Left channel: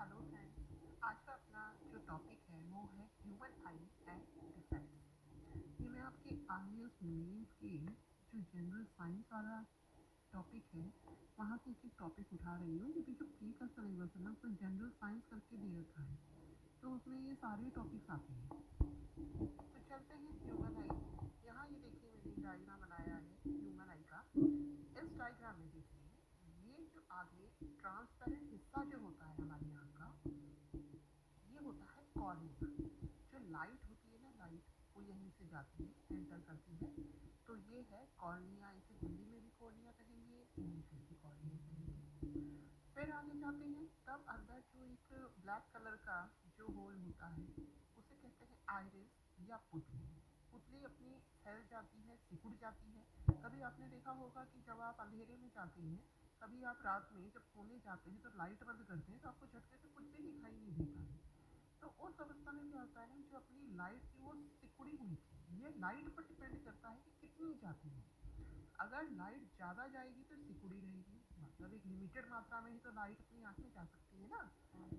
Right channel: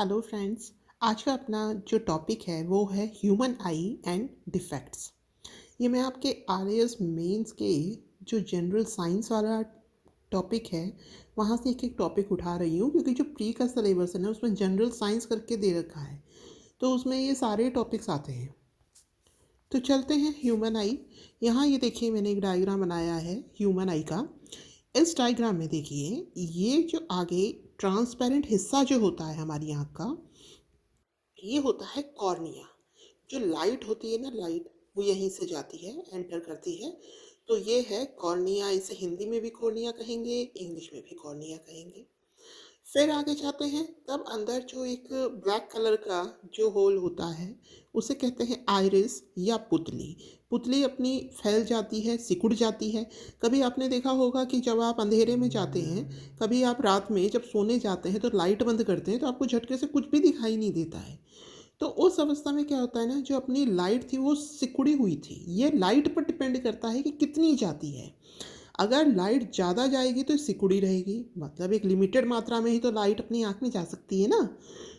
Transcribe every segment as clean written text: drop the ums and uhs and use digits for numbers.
Hello friends. आज का अपना जो टॉपिक है वो है ह्यूमन आई एंड डिफेक्ट्स। ये मैं आपके आरएएस मेंस के जो जनरल साइंस वाला टॉपिक है वहाँ से एक एक टॉपिक उठा रही हूँ, क्योंकि जो प्री का सिलेबस है ना उसमें जनरल साइंस करके दे रखा है, तो उसमें ये सारे टॉपिक्स आते हैं। तो चलते हैं ह्यूमन आई। यहाँ ये देखिए मैंने एक डायग्राम बनाया है ह्यूमन आई का। इस डायग्राम में देखिए ये जो आगे ट्रांसपेरेंट हिस्सा जो होता है हमारी आँख का, ये होता है कॉर्निया। जो लाइट होती है ना, लाइट वो यहीं से जाती है, एंटर करती है। तो ये है कॉर्निया। इसे हिंदी में भी कॉर्निया कहेंगे, इंग्लिश में भी कॉर्निया कहेंगे। फिर आगे जाते हैं, तब अंदर जो एक ब्लैक कलर का जो होल होता है उसे कहते हैं आइरिस या पुतली। पुतली अपनी फैल जाती है, सिकुड़ जाती है। कभी आपने देखा होगा कि जब आप अंधेरे में जाते हैं, कभी आप रात में जब सोने जाते हैं तो लाइट बंद करते हैं तो आपको झटके से कुछ भी दिखाई नहीं देता है। तो उस अवस्था में क्या होता है ना, जो अपनी लाइट थी वो सिकुड़ी हुई थी। ये लाइट पर डिपेंड करता है कि कितनी जाती है। अगर लाइट ज़्यादा जाएगी तो सिकुड़ी रहेगी, मतलब एक लिमिटेड मात्रा में ही तो लाइट अपनी आँख में जा सकती है ना।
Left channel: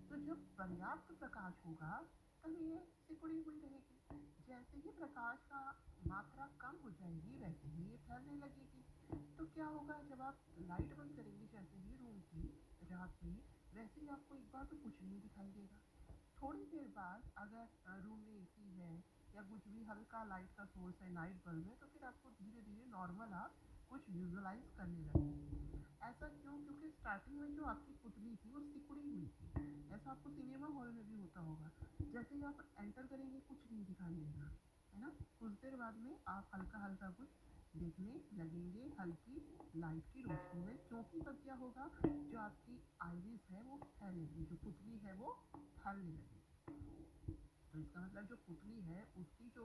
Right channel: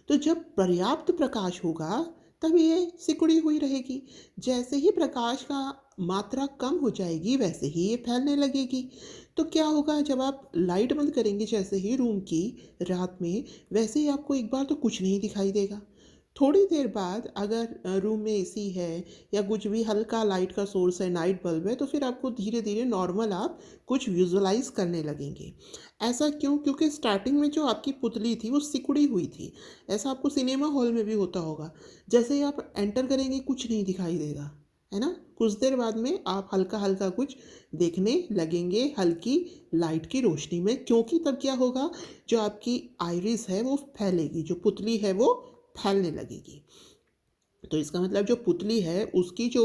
तो जब पर्याप्त प्रकाश होगा तब ये सिकुड़ी हुई रहेगी। जैसे ही प्रकाश का मात्रा कम हो जाएगी वैसे ही ये फैलने लगेगी। तो क्या होगा, जब आप लाइट बंद करेंगे जैसे ही रूम की रात में, वैसे ही आपको एक बार तो कुछ नहीं दिखाई देगा। थोड़ी देर बाद अगर रूम में एसी है या कुछ भी हल्का लाइट का सोर्स है, नाइट बल्ब है, तो फिर आपको धीरे धीरे नॉर्मल आप कुछ विजुअलाइज करने लगेंगे। ऐसा क्यों? क्योंकि स्टार्टिंग में जो आपकी पुतली थी वो सिकुड़ी हुई थी। ऐसा आपको सिनेमा हॉल में भी होता होगा। जैसे ही आप एंटर करेंगे कुछ नहीं दिखाई देगा, है ना। कुछ देर बाद में आप हल्का हल्का कुछ देखने लगेंगे हल्की लाइट की रोशनी में, क्योंकि तब क्या होगा, जो आपकी आइरिस है वो फैलेगी, जो पुतली है वो फैलने लगेगी। तो इसका मतलब जो पुतली है उसकी जो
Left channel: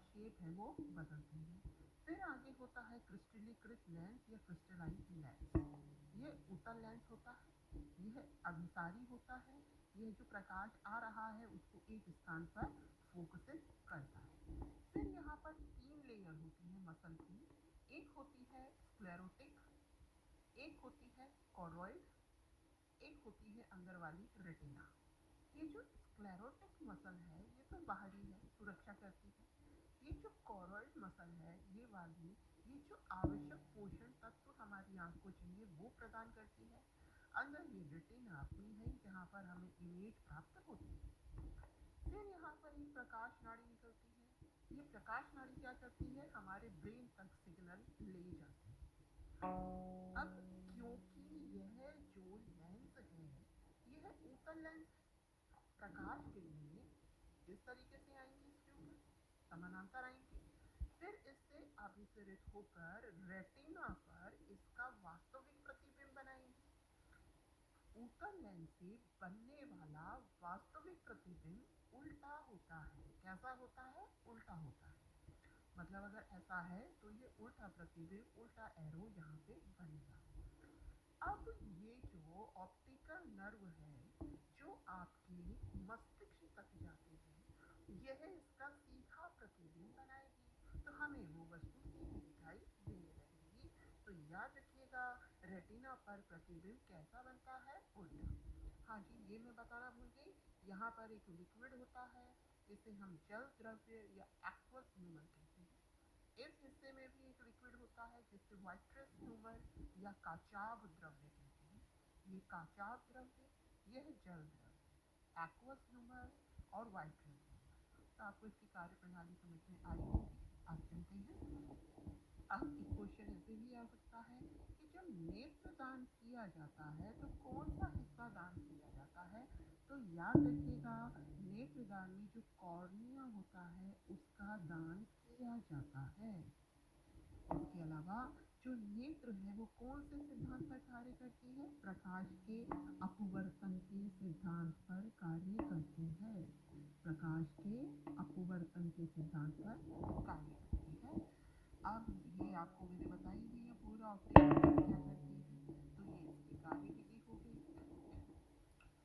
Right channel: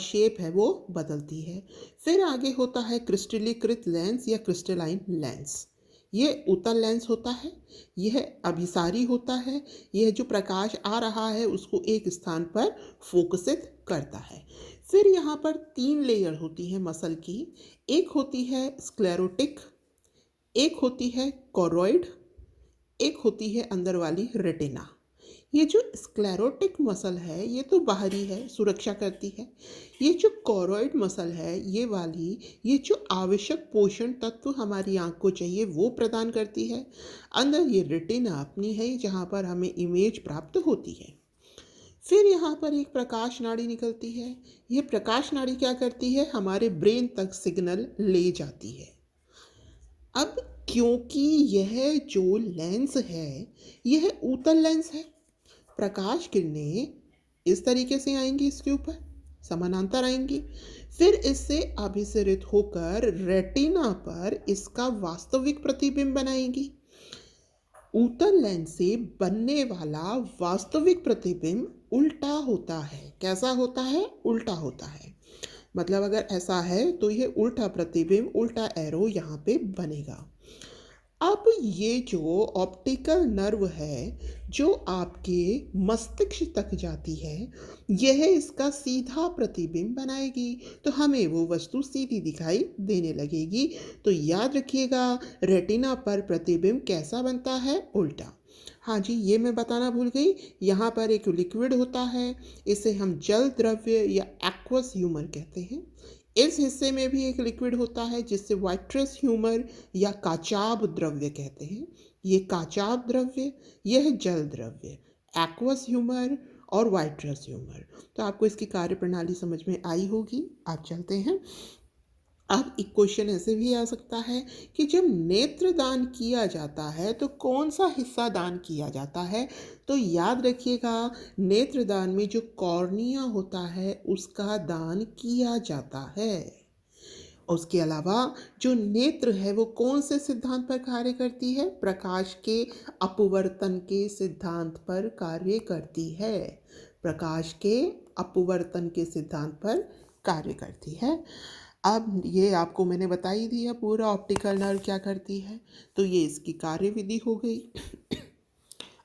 शेप है वो बदलती है। फिर आगे होता है क्रिस्टलीकृत लेंस या क्रिस्टलाइन लेंस। ये उत्तल लेंस होता है, यह अभिसारी होता है। यह जो प्रकाश आ रहा है उसको एक स्थान पर फोकसित करता है। फिर यहाँ पर तीन लेयर होती है मसल की। एक होती है स्क्लेरोटिक, एक होती है कोरोइड, एक होती है अंदर वाली रेटिना। ये जो स्क्लेरोटिक मसल है ये तो बाहरी है, सुरक्षा करती है। ये जो कोरोइड मसल है ये वाली, ये जो आवश्यक पोषण तत्व हमारी आँख को चाहिए वो प्रदान करती है। अंदर ये रेटिना अपनी है जहाँ पर हमें इमेज प्राप्त होती है। फिर यहाँ पर एक प्रकाश नाड़ी निकलती है। ये प्रकाश नाड़ी क्या करती है, हमारे ब्रेन तक सिग्नल ले जाती है। अब क्योंकि यह जो लेंस है यह उत्तल लेंस है, प्रकाश किरणें इस तरीके से आएंगी, इसके ऊपर समानांतर आएंगी। फिर इससे अभिसरित होकर रेटिना पर इसका वास्तविक प्रतिबिंब बनाएंगी। उत्तल लेंस से बनने वाला वास्तविक प्रतिबिंब उल्टा होता है। कैसा होता है? उल्टा होता है। मतलब अगर ऐसा है तो यह उल्टा प्रतिबिंब, उल्टा एरो यहाँ पे बनेगा। अब ये जो ऑप्टिकल नर्व है जो आपके मस्तिष्क तक जाती है, यह इसका सीधा प्रतिबिंब बनाएगी, तो हमें वो वस्तु सीधी दिखाई देने लगेगी। तो याद रखिएगा, रेटिना पर प्रतिबिंब कैसा बनता है? उल्टा। हाँ जी, ये मैं बताना भूल गई। यहाँ पर एक लिक्विड होता है, इसे हम जल द्रव्य या एक्वस ह्यूमर कहते हैं। इस हिस्से में भी एक लिक्विड होता है जिससे वाइट्रस ह्यूमर या काचाब द्रव्य कहते हैं। ये काचाब द्रव्य, यह जल द्रव्य, एक्वस ह्यूमर और वाइट्रस ह्यूमर। तो आपको इसकी कार्य प्रणाली समझ में आई होगी। आप चलते हैं। अब एक क्वेश्चन ऐसे भी आ सकता है कि जब नेत्र दान किया जाता है तो कौन सा हिस्सा दान किया जाता है? तो याद रखिएगा, नेत्र दान में जो कॉर्निया होता है उसका दान किया जाता है। उसके अलावा जो नेत्र है वो कौन से सिद्धांत पर कार्य करती है? प्रकाश के अपवर्तन के सिद्धांत पर कार्य करती है। प्रकाश के अपवर्तन के सिद्धांत पर कार्य करती है। अब ये आपको मैंने बता ही दिया पूरा ऑप्टिकल नर्व क्या करती है, तो ये इसकी कार्यविधि हो गई।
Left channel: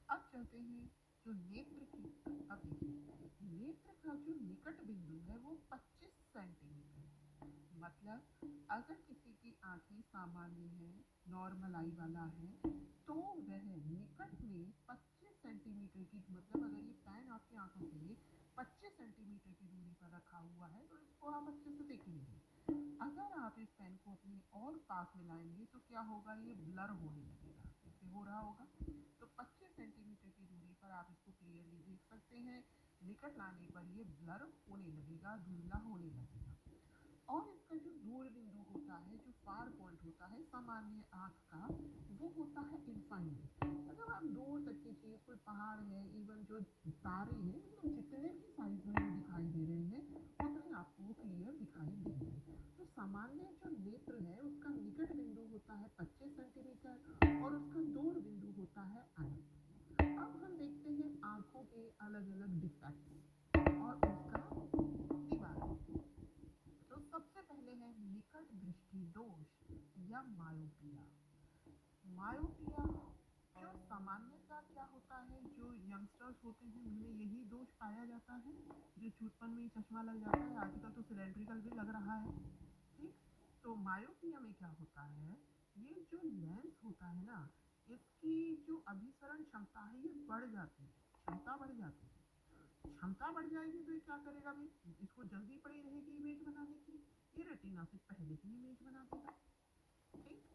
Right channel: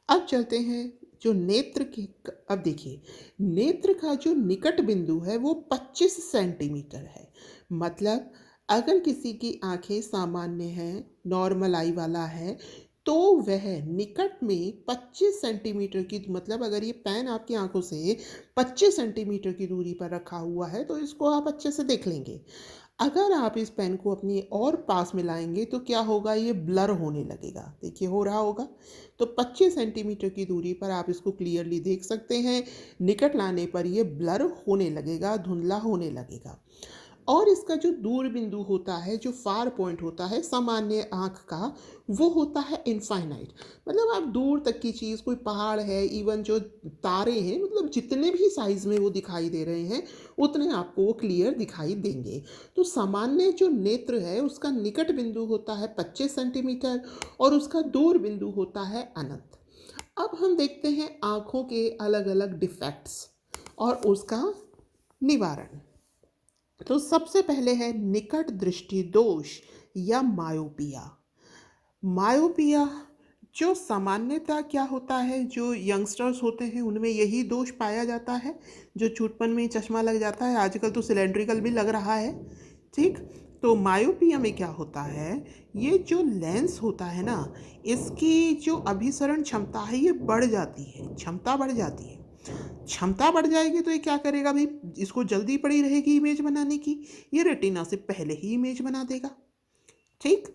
अब चलते हैं जो नेत्र के। अब देखिए, नेत्र का जो निकट बिंदु है वो 25 सेंटीमीटर है। मतलब अगर किसी की आंखें सामान्य हैं, नॉर्मल आई वाला है, तो वह निकट में 25 सेंटीमीटर की, मतलब अगर ये पेन आपकी आंखों से 25 सेंटीमीटर की दूरी पर रखा हुआ है तो इसको आप अच्छे से देख लेंगे। अगर आप इस पेन को अपनी और पास में लाएंगे तो क्या होगा, ये ब्लर होने लगेगा। देखिए हो रहा होगा। तो 25 सेंटीमीटर की दूरी पर आप इसको क्लियरली देख सकते हैं, निकट लाने पर ये ब्लर होने लगेगा, धुंधला होने लगेगा। और इसका जो दूर बिंदु होता है, जो फार पॉइंट होता है सामान्य आँख का, वो होता है इनफाइनाइट। मतलब आप दूर तक की चीज़, कोई पहाड़ है, इवन जो तारे हैं, मतलब जितने भी साइज़ में वो दिखाई दे रहे हैं उतने आपको वो क्लियर दिखाई देंगे। तो सामान्य जो नेत्र है उसका निकट बिंदु होता है 25 सेंटीमीटर और उसका दूर बिंदु होता है अनंत। अब हम देखते हैं आँखों के अलग अलग डिफेक्ट्स और उसका निवारण। तो सबसे पहले है निकट दृष्टि दोष या मायोपिया। मायोपिया जो सामान्यतः क्या होता है, जो यंगस्टर्स होते हैं उनमें यही दोष पाया जाता है, जो छूटपन में चश्मा लग जाता है, आजकल तो सिलेंड्रिकल भी लग रहा है। ठीक। तो मायोपिया में क्या होता है, ये जो लेंस होता है ना, इसकी जो अभिसरण क्षमता है ये बढ़ जाती है, क्षमता बढ़ जाती है। क्षमता बढ़ जाएगी तो ये क्या करेगा भाई, इसको जल्दी पड़ी रहेगी इमेज बनाने की, ये रेटिना से पहले ही इमेज बना देगा। ठीक।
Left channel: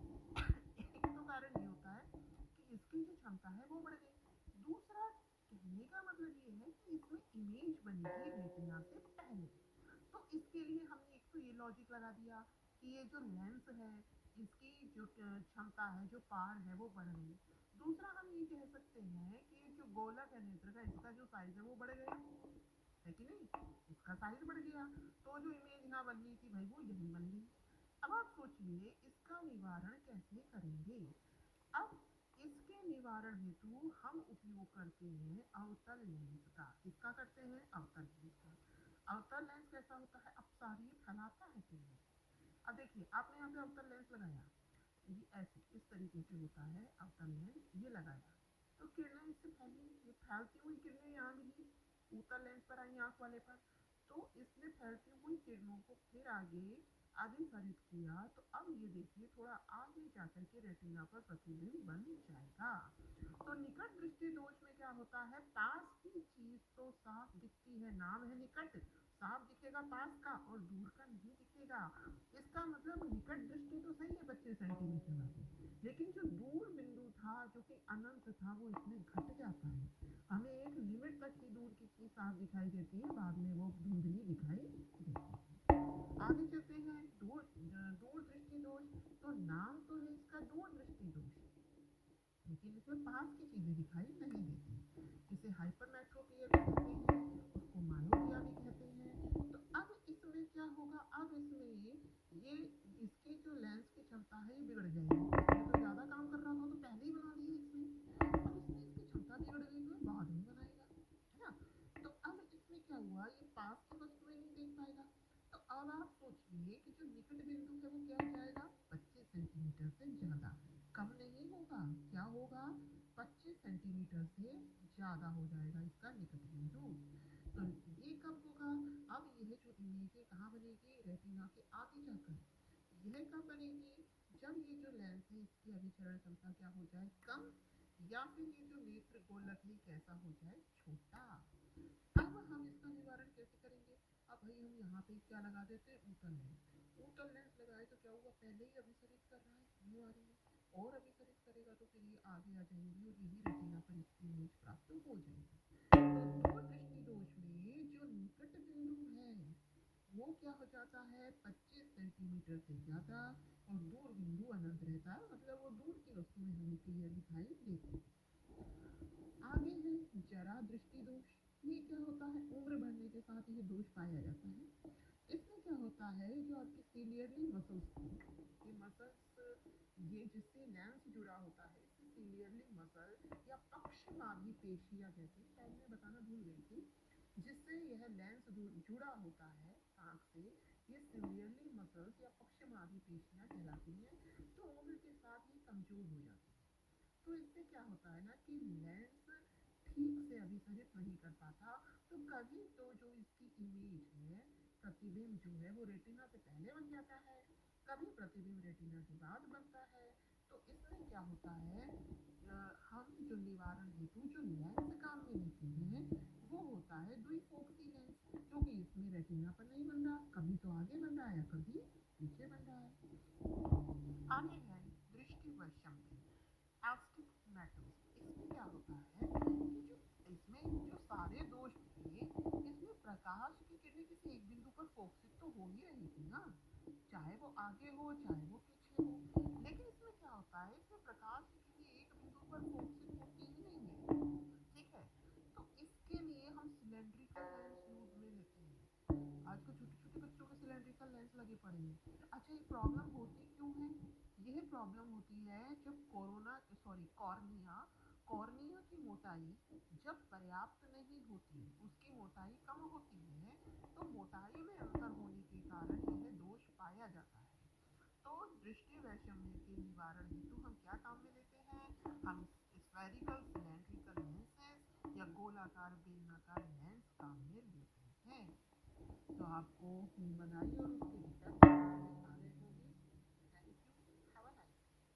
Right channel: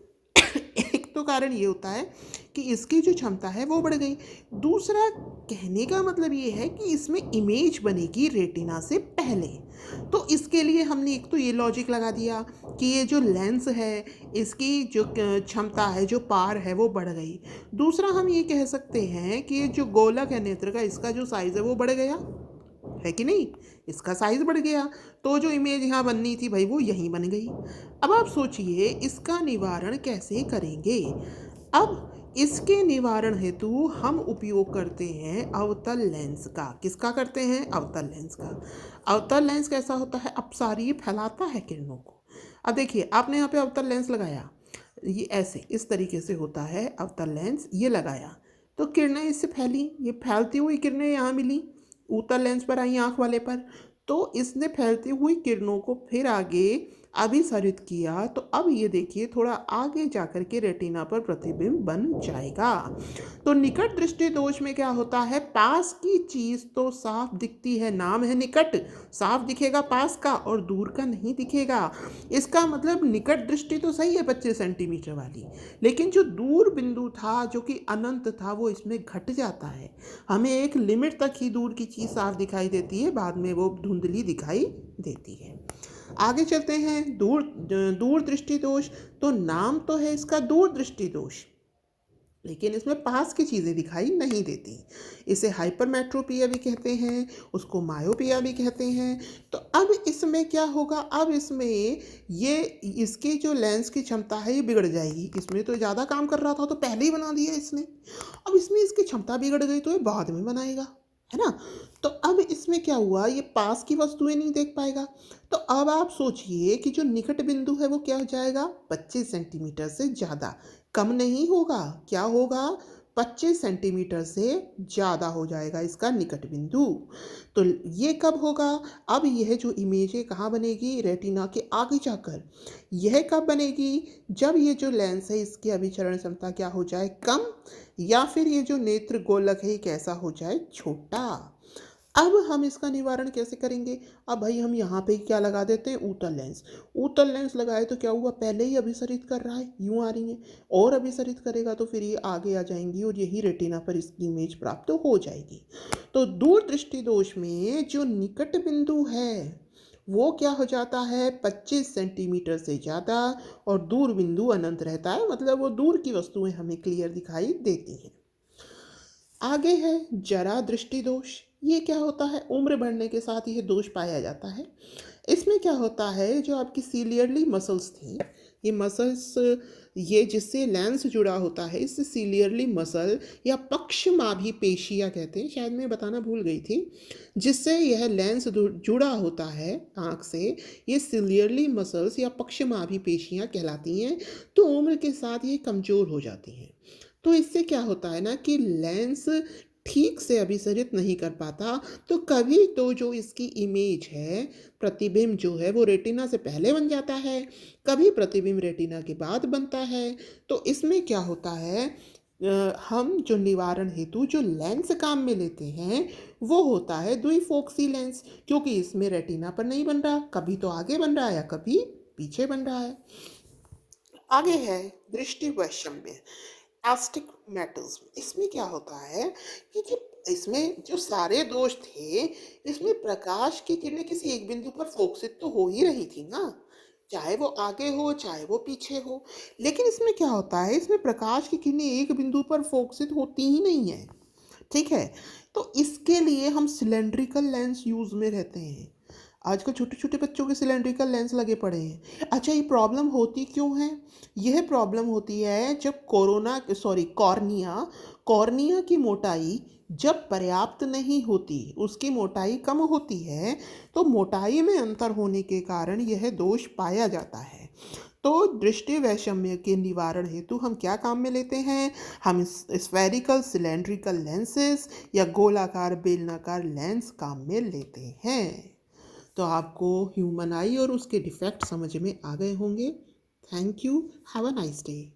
एक तो कारण ये होता है कि इसकी जो क्षमता है वो बढ़ गई। दूसरा कहने का मतलब ये है कि इसमें इमेज बनेगी रेटिना से पहले। तो इसके लिए हमने एक तो ये लॉजिक लगा दिया कि ये जो लेंस है इसकी जो क्षमता है, जो पार है वो बढ़ गई। दूसरा हम ये कह सकते हैं कि ये जो गोलक है नेत्र का, इसका जो साइज़ है वो बढ़ गया, है कि नहीं, इसका साइज बढ़ गया। तो जो इमेज यहाँ बननी थी भाई वो यहीं बन गई। अब आप सोचिए इसका निवारण कैसे करेंगे। अब इसके निवारण हेतु हम उपयोग करते हैं अवतल लेंस का। किसका करते हैं, अवतल लेंस का। अवतल लेंस कैसा होता है, अपसारी फैलाता है किरणों को। अब देखिए आपने यहाँ पे अवतल लेंस लगाया, ये ऐसे इस तरीके से होता है अवतल लेंस, ये लगाया तो किरणें इससे फैली, ये फैलती हुई किरणें यहाँ मिली, उत्तल लेंस पर आई आँख वाले पर। तो इसने फैलती हुई किरणों को फिर आगे अभिसरित किया, तो अब ये देखिए थोड़ा आगे जाकर के रेटिना पर प्रतिबिंब बन जाएगा। तो निकट दृष्टि दोष में क्या होता है, पास की चीज़ तो साफ दिखती है, नाम है निकट, साफ दिखेगा पास का और दूर का नहीं दिखेगा। इसका मतलब निकट दृष्टि तो सही है 25 सेंटीमीटर वाली, लेकिन जो दूर बिंदु था जो कि अनंत था वो इसमें घट जाता है। हमें एक लिमिट तक ही दूर की चीज़ साफ दिखाई देती है, बाद में वो धुंधली दिखाई देती है। आगे चलते हैं दूर दूर दृष्टि दोष। तो नाम तो है इसका दूर दृष्टि दोष, लेकिन इसमें पास की चीज़ें दिखाई नहीं देती। इसे हाइपरमेट्रोपिया भी कहते हैं, उसको मायोपिया भी कहते हैं। तो अब इसमें क्या होगा, अब इसमें ये इसकी जो लेंस की क्षमता है ये बिगड़ जाएगी। इसमें तो ज़्यादा काम कर रहा था तो पहले ही बना दिया इसने, अब इसमें इसकी क्षमता बिगड़ गई तो ये बाद में बनाएगा, है ना। तो अब इसमें क्या हुआ, ये पास की वस्तुएं नहीं देख पाएगा। तो अब आप सोचिए कि जो निकट बिंदु है वो क्या हो जाएगा, 25 सेंटीमीटर से ज़्यादा, कम नहीं होगा, क्या होगा, 25 सेंटीमीटर से ज़्यादा हो जाएगा इसका निकट बिंदु। तो ये कब होगा, अब यह जो इमेज है कहाँ बनेगी, रेटिना के आगे जाकर। यह कब बनेगी, जब ये जो लेंस है इसकी अभिचरण क्षमता क्या हो जाए, कम, या फिर ये जो नेत्र गोलक है ये कैसा हो जाए, छोटा। अब हम इसका निवारण कैसे करेंगे, अब भाई हम यहाँ पे क्या लगा देते हैं, उत्तल लेंस। उत्तल लेंस लगाए तो क्या हुआ, पहले ही अभिसरित कर रहा है, यूँ आ रही है, और अभिसरित करेगा तो फिर ये आगे आ जाएंगी और यही रेटिना पर इसकी इमेज प्राप्त हो जाएगी। तो दूर दृष्टि दोष में जो निकट बिंदु है वो क्या हो जाता है, 25 सेंटीमीटर से ज़्यादा, और दूर बिंदु अनंत रहता है, मतलब वो दूर की वस्तुएं हमें क्लियर दिखाई देती हैं। आगे है जरा दृष्टि दोष। ये क्या होता है, उम्र बढ़ने के साथ यह दोष पाया जाता है। इसमें क्या होता है, जो आपकी सीलियरली मसल्स थी, ये मसल्स, ये जिससे लेंस जुड़ा होता है, इससे सीलियरली मसल या पक्षमाभी पेशियाँ कहते हैं, शायद मैं बताना भूल गई थी, जिससे यह लेंस जुड़ा होता है आँख से, ये सीलियरली मसल्स या पक्षमाभी पेशियाँ कहलाती हैं। तो उम्र के साथ ये कमज़ोर हो जाती हैं। तो इससे क्या होता है ना कि लेंस ठीक से अभिसरित नहीं कर पाता, तो कभी तो जो इसकी इमेज है, प्रतिबिंब जो है वो रेटिना से पहले बन जाता है, कभी प्रतिबिंब रेटिना के बाद बनता है। तो इसमें क्या होता है, हम जो निवारण हेतु जो लेंस काम में लेते हैं वो होता है द्विफोक्सी लेंस, क्योंकि इसमें रेटिना पर नहीं बन रहा, कभी तो आगे बन रहा है या कभी पीछे बन रहा है। आगे है दृष्टि वैषम्य, एस्टिग्मेटिज्म। इसमें क्या होता है कि जो इसमें जो सारे दोष थे, इसमें प्रकाश की किरणें किसी एक बिंदु पर फोकसित तो हो ही रही थी ना, चाहे वो आगे हो चाहे वो पीछे हो। लेकिन इसमें क्या होता है, इसमें प्रकाश की किरणें एक बिंदु पर फोकसित होती ही नहीं है। ठीक है, तो इसके लिए हम सिलेंड्रिकल लेंस यूज में रहते हैं। आजकल छोटे छोटे बच्चों के सिलेंड्रिकल लेंस लगे पड़े हैं। अच्छा, ये प्रॉब्लम होती क्यों है? यह प्रॉब्लम होती है जब कॉर्निया कॉर्निया की मोटाई जब पर्याप्त नहीं होती, उसकी मोटाई कम होती है, तो मोटाई में अंतर होने के कारण यह दोष पाया जाता है। तो दृष्टि वैषम्य के निवारण हेतु हम क्या काम में लेते हैं? हम स्फेरिकल सिलेंड्रिकल लेंसेज या गोलाकार बेलनाकार लेंस काम में लेते हैं। तो आपको ह्यूमन आई और उसके डिफेक्ट समझ में आ गए होंगे। Thank you. Have a nice day.